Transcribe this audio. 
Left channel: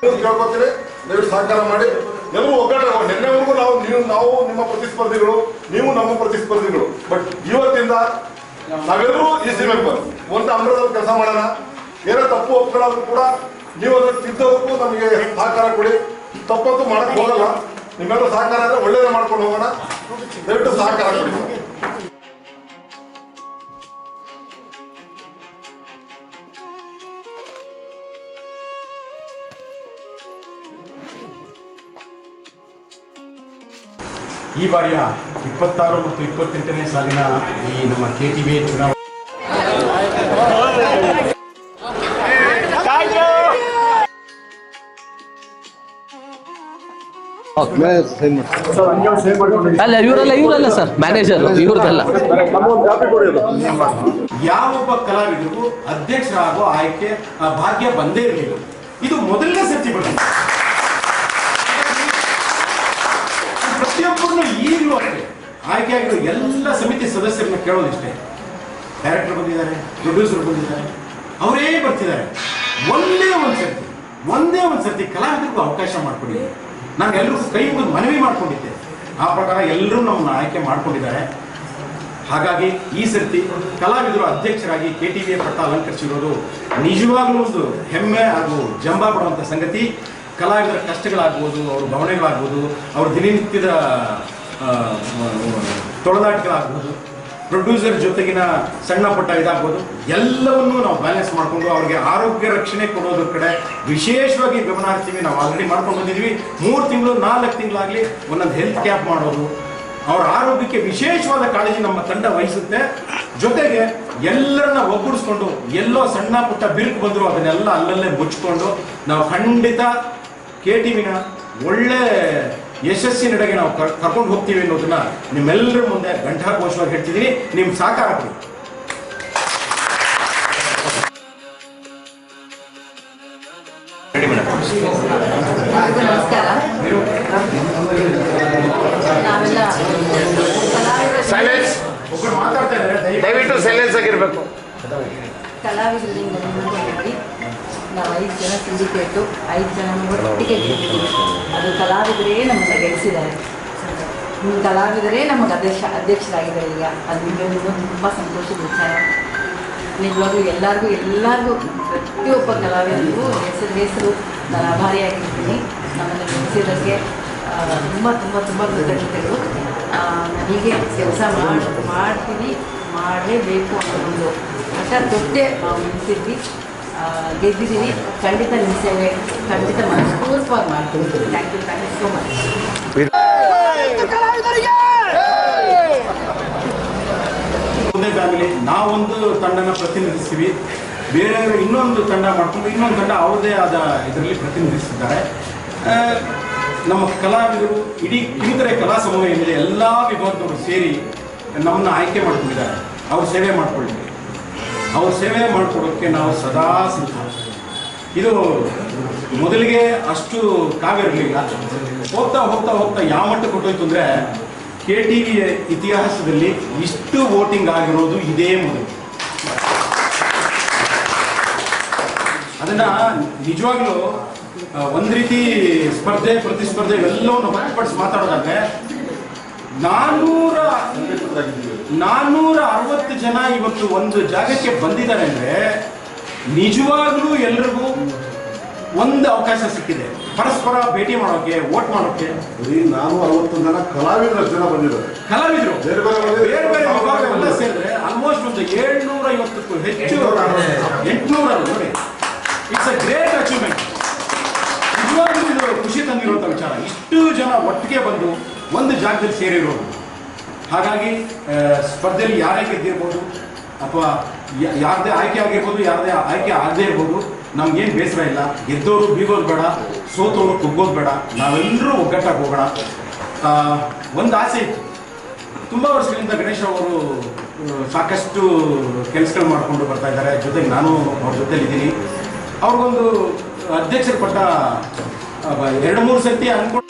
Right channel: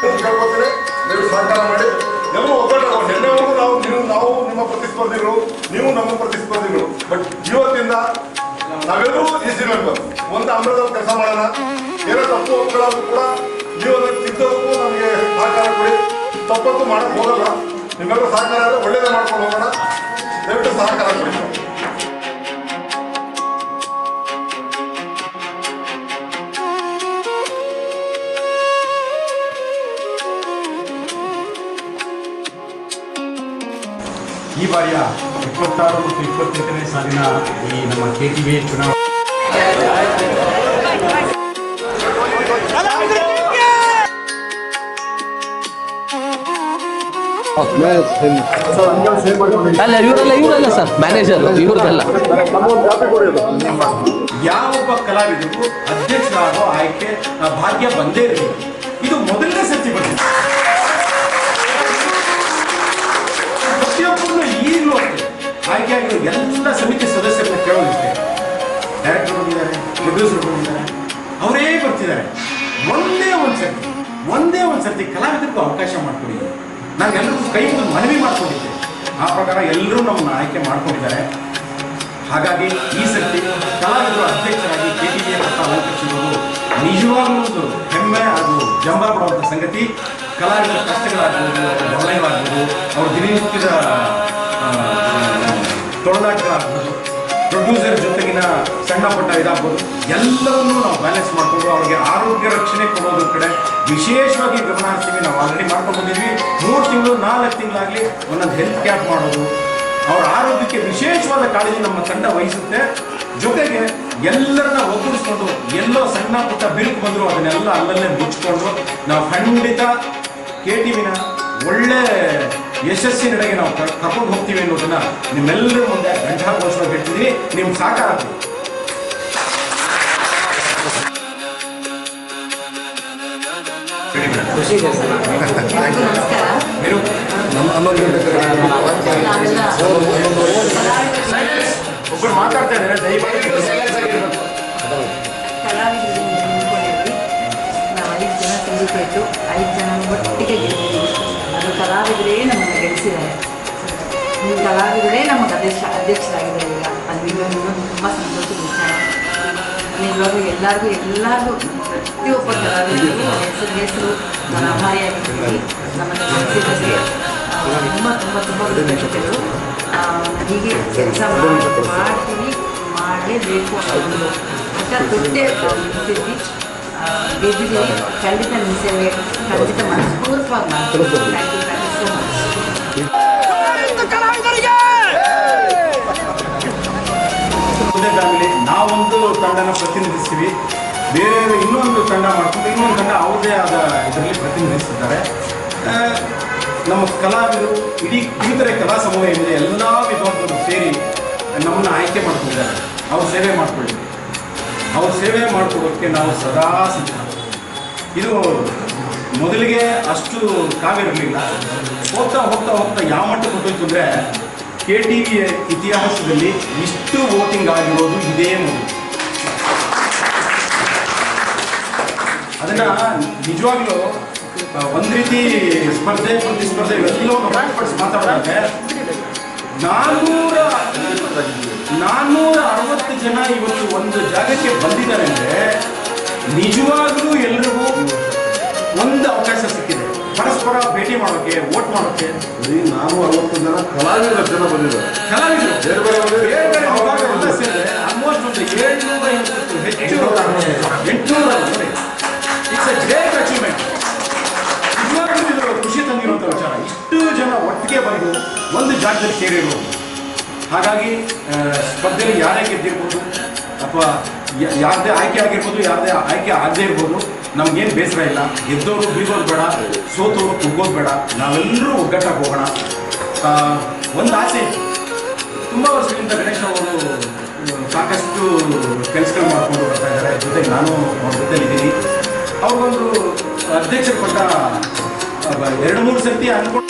ಕೇಳ್ಕೊತೀವಿ, ದಯವಿಟ್ಟು ಸಹಕಾರ ಮಾಡಿ. ಎಲ್ಲರೂ ಒಗ್ಗಟ್ಟು. ನಿನ್ನೆವರೆಗೂ ನಾವು ನಿಮ್ಮ ಪ್ರತಿಸ್ಪರ್ಧಿಗಳು, ನೀವು ನಮ್ಮ ಪ್ರತಿಸ್ಪರ್ಧಿಗಳು. ಬಟ್ ಇವತ್ತಿಂದ ನಾವೆಲ್ಲರೂ EC ಮೆಂಬರ್ ಒಂದು ಅಂಬ್ರದಲ್ಲಿ ಕೆಲಸ ಮಾಡೋಣ. ಏನೋ ತಪ್ಪು ಒಪ್ಕೊಳ್ಳೋದು ಕೂಡ ನೀವು ಅದನ್ನು ತಿದ್ದೋದಕ್ಕೂ ನಮಗೆ ಸಹಕಾರ ಕೊಡಿ. ತಪ್ಪಂತೂ ಮಾಡಕ್ ಹೋಗಲ್ಲ. ನಿಮ್ಮೆಲ್ಲರೂ ಸಹಕಾರ ಆದರೆ ಒಳ್ಳೇದೇ ಮಾಡ್ಕೊಂಡು ಹೋಗೋಣ. ದಯವಿಟ್ಟು ಸಹಕಾರ ಕೊಡಿ. ಈ ಬಾರಿಯ 26 ಮತ್ತು 28ನೇ ಸಾಲಿನ ಈ ನಮ್ಮ KTV ಚುನಾವಣೆ ಅಲ್ಲ ಇವರಲ್ಲ ಸರ್, ಮ್ಯಾನೇಜರ್ ಇವ್ರದಲ್ಲ. ಯಾವೊಬ್ಬ ಕಲಾವಿದರಿಗೂ ಅಧ್ಯಕ್ಷರಾಗೋ ಆಯ್ಕೆ ಭಾಗ್ಯ ಬಂದೇ ಇರಲಿಲ್ಲ. ಇದು ಮೊದಲನೇ ಸರ್ತಿ ಬಂದಿದೆ. ಪ್ರತಿಯೊಬ್ಬರನ್ನು ಈಗಲೂ ಅಷ್ಟೇ ಆಯ್ಕೆ ಆಗಿರೋ ಎಲ್ಲ ಸಮಿತಿ ಸದಸ್ಯರನ್ನ ಕೇಳೋದಿಷ್ಟೇ. ಡೈರೆಕ್ಟರ್ ಬಂದಿದ್ದಾರೆ, ಪ್ರೊಡ್ಯೂಸರ್ ಬಂದಿದ್ದಾರೆ, ಅವರೇ ಬರ್ತಿದ್ದಾರೆ. ಒಂದೇ ಒಂದು ಸರ್ತಿ ಕಲಾವಿದರಿಗೂ ಅವಕಾಶ ಮಾಡಿಕೊಡಿ. ನಾನು ಎಲ್ಲರಿಗೂ ಕೈ ಮುಗಿದು ಮನವಿ ಮಾಡ್ಕೊಂಡಿದ್ದೆ. ಆ ಪ್ರಕಾರ ಎಲ್ಲರೂ ನಮ್ಮನ್ನು ಆಯ್ಕೆ ಮಾಡ್ಕೊಂಡಿದ್ದಾರೆ. ಹಾಗಾಗಿ ಈ ಸರ್ತಿ ಕಲಾವಿದರು ಅಧ್ಯಕ್ಷರಾಗಿ KTV ಪಟ್ಟ ಅಲಂಕರಿಸಿರೋದು ನಿಜವಾಗ್ಲೂ ಒಂದು ಹೆಮ್ಮೆ ಹಾಗೂ ಜಂಬ ಪಡುವಂಥ ಸಂಗತಿ. ಕಲಾವಿದರ ಕಷ್ಟಗಳಾಗ್ಬೋದು, ಅವ್ರ ಭಾವನೆಗಳಾಗ್ಬೋದು, ಅವ್ರ ದಿನನಿತ್ಯದ ತೊಳನಾಟಗಳಾಗ್ಬೋದು, ಪ್ರೊಡ್ಯೂಸರ್ ಜೊತೆಗಿನ ಸಣ್ಣ ಪುಟ್ಟ ಇದಾಗ್ಬೋದು, ಎಲ್ಲವನ್ನೂ ನಾವು ಬ್ಯಾಲೆನ್ಸ್ ಮಾಡಿಕೊಂಡು ಅವ್ರಿಗೆ ಆರೋಗ್ಯ ರಕ್ಷಣೆ ಕೊಡೋದ್ರ ಕಡೆ ವಿಶೇಷವಾಗಿ ಗಮನ ಹರಿಸ್ತೀವಿ. ನಾವು ಆಲ್ರೆಡಿ ಮಾಡ್ಕೊಂಡು ಬಂದಿದ್ವಿ. 3 ತಿಂಗಳು 4 ತಿಂಗಳಾಗಲಿ ಒಂದೊಂದು ಹೆಲ್ತ್ ಕ್ಯಾಂಪ್ ಮಾಡೋದು, ಅವರ ಆರೋಗ್ಯಕ್ಕೆ ವಿಶೇಷವಾದ ಕಾಳಜಿ ನಮ್ಮ ತಂಡ ವಹಿಸುತ್ತೆ. ಜೊತೆಗೆ ಎಲ್ಲರನ್ನ ಒಗ್ಗೂಡಿಸ್ಕೊಂಡು ಎಲ್ಲೋ ಸಣ್ಣ ಪುಟ್ಟ ಬಿರುಕು ಬಂದರೂ ಅದನ್ನೆಲ್ಲ ಅಲ್ಲಲ್ಲೇ ಮುಚ್ಚಿಕೊಂಡು ನಾವು ಖಂಡಿತ KTVನ ಒಳ್ಳೆ ಯಶಸ್ಸಿನೆಡೆಗೆ ನಾವು ಕರ್ಕೊಂಡು ಹೋಗ್ತೀವಿ ಅನ್ನೋದನ್ನ ನಿಮ್ಮೆಲ್ಲರ ಮುಂದೆ ಘಂಟಾಘೋಷವಾಗಿ ಹೇಳ್ತಿದ್ದೀನಿ. ನಿಮ್ಮ ಸಹಕಾರ ಕೊಡಿ. ನಮಸ್ಕಾರ. ಒಬ್ಬರು ಮಾತಾಡ್ತಾ ಇದ್ದಾರೆ, ಸೈಲೆನ್ಸ್ ಆಗಿರ್ಬೇಕು. ಕಲಾವಿದರಿಗೆ ನಿಂತ್ಕೊಂಡಿದ್ವಿ. ನಾವು 5 ಜನ ಸಿಂಡಿಕೇಟು, 5 ಜನ ಒಟ್ಟಿಗೆ ಗೆದ್ದಿದ್ದೀವಿ. ಅದು ಕಲಾವಿದರೇ ನಮ್ಮನ್ನು ಗೆಲ್ಲಿಸಿದ್ದಾರೆ. ಕಲಾವಿದರೇ ನಮಗೆ ಅಧ್ಯಕ್ಷರಾಗಿದ್ದಾರೆ ಈಗ. ಅದು ಇನ್ನೊಂದು ತುಂಬ ಸಂತೋಷದ ವಿಚಾರ. ನಿಜವಾಗ್ಲೂ ಎಲ್ಲರಿಗೂ ಪ್ರತಿಯೊಬ್ಬ ಕಲಾವಿದರಿಗೂ ಹೆಸರು ನಾನು ಆಭಾರಿಯಾಗಿರ್ತೀನಿ. ನಮ್ಮನ್ನು ಗೆಲ್ಲಿಸಿದ್ದಕ್ಕೆ ತುಂಬ ಕೃತಜ್ಞತೆಗಳು. ನಾನು ಹೀಗೆ ಕೆಲಸ ಮಾಡ್ತೀನಿ, ಮಾಡಲೇಬೇಕು ಅನ್ನೋ ಒಂದು ಹಠ ತೊಟ್ಟೆ ನಿಂತಿದ್ವಿ. ಗೆದ್ದಿದ್ದೀವಿ. ಖಂಡಿತ ನಿಮ್ಮ ಸೇವೆ ಖಂಡಿತ ಮನಸ್ಪೂರ್ವಕವಾಗಿ ಮಾಡ್ತೀವಿ. Thank you so much. ಒಂದೇ ಫ್ಯಾಮಿಲಿ ನಾವೊಂದು ತಂಡನ ಪ್ರತಿನಿಧಿಸ್ತೀವಿ, ಬೇರೆಯವರು ಇನ್ನೊಂದು ತಂಡ ಮಾಡಿಕೊಂಡು ಇನ್ನೊಂದು ತಂಡ ಅವ್ರದ್ದೇ ಆದ ಇದರಲ್ಲಿ ಪ್ರತಿನಿಧಿಸಿದ್ದಾರೆ. ನಮ್ಮ ಕಲಾವಿದರು ಇಡೀ ಕಿರುತೆರೆ ಕಲಾ ಸಮೂಹ ಏನಿದೆ ಎಲ್ಲ ವಿಭಾಗದವರು ಸೇರಿ ನಮ್ಮನ್ನು ಆಯ್ಕೆ ಮಾಡ್ಕೊಂಡಿದ್ದಾರೆ. ಅವ್ರ ಸೇವೆ ಮಾಡ್ಕೊಳ್ಳಿ. ಅವ್ರ ಸೇವೆ ಮಾಡಿಕೊಡೋಕ್ಕೆ ನಾವು ಸದಾ ಸಿದ್ಧ. ಇದು ಮೊದಲಿಗೆ ಅಷ್ಟು ಕಾವಿರಲಿಲ್ಲ. ಹೋಗ್ತಾ ಯಾವ ಮಟ್ಟಕ್ಕೆ ಕೊಟ್ಟೋಯ್ತು ಅಂದರೆ KTV ಇತಿಹಾಸದಲ್ಲಿ ಇಷ್ಟು ವೋಟಿಂಗ್ ಆಗಿರೋದು ಇದೇ ಮೊದಲು. ಅದನ್ನು ನಿಜವಾಗ್ಲೂ ಒಂದು ರೀತಿ ಸ್ಪರ್ಧೆ ಪ್ರತಿಸ್ಪರ್ಧೆ ಇವೆಲ್ಲವನ್ನು ಹೊರತುಪಡಿಸಿ ಮಾತಾಡೋದಾದ್ರೆ 460 ಜನ ಇವತ್ತು ಒಂದು ಜಾಗಕ್ಕೆ ಬಂದಿದ್ದಾರೆ ಅಂದರೆ ನಿಜವಾಗ್ಲೂ ಎಲ್ರಿಗೂ ಒಂದು ಅವಕಾಶ ಸಿಕ್ಕಿದೆ ಪರಸ್ಪರ ಭೇಟಿ ಮಾಡೋಕ್ಕೆ, ವೋಟ್ ಮಾಡೋಕ್ಕೆ. 460 ಜನ ಕಲಾವಿದರು ಬಂದಿದ್ದಾರೆ. ಕಲಾವಿದರು ಬೇರೆ ವಿಭಾಗವೆಲ್ಲ ಸೇರಿದ್ರೆ ಆಲ್ಮೋಸ್ಟ್ ಒಂದು 750ಕ್ಕೂ ಹೆಚ್ಚು, 800 ನೋಡಿ. It's a great achievement. ನಿಜವಾಗ್ಲೂ ಇದು ಖುಷಿ ತಂದಿರುವಂಥ ವಿಚಾರ. ಇಷ್ಟು ಜನ ಒಟ್ಟಿಗೆ ಬಂದು ಒಂದು ಜಾಗದಲ್ಲಿ ಸೇರಿರೋದು. ಹಾಗಾಗಿ ಸ್ಪರ್ಧೆಯಲ್ಲಿ ಯಾರೇ ಗೆದ್ದಿರ್ಬೋದು ಅಥವಾ ಯಾರದೇ ಆಯ್ಕೆ ಆಗಿರ್ಬೋದು, ಯಾರದೇ ಆಯ್ಕೆ ಆಗದೇ ಇರ್ಬೋದು, ನಮ್ಗೇನು ಬೇಸರ ಇಲ್ಲ. ಗೆದ್ದವರು ಬೀಗೋದು ಬೇಡ, ಸೋತವರು ಕುಗ್ಗೋದು ಬೇಡ. ನಾವೆಲ್ಲರೂ ಒಗ್ಗಟ್ಟಾಗಿ ಹೋಗೋಣ. ಒಂದು ಆಸೆ ಇತ್ತು. ತುಂಬ ವರ್ಷಗಳಿಂದ ಗಣೇಶ್ ಅವರು ಸಾಕಷ್ಟು ಕೆಲಸಗಳು ಮಾಡಿಕೊಂಡು ಬರ್ತಾ ಇದ್ದಾರೆ. ಜೊತೆಗೆ ನಾನು ಅವ್ರ ಜೊತೆಲಿದ್ದೀನಿ. ಅವ್ರಿಗೊಂದು ಅಧ್ಯಕ್ಷರು ಕೊಟ್ಟ 2-3 ಸರ್ತಿ ಅಂದ್ಕೊಂಡು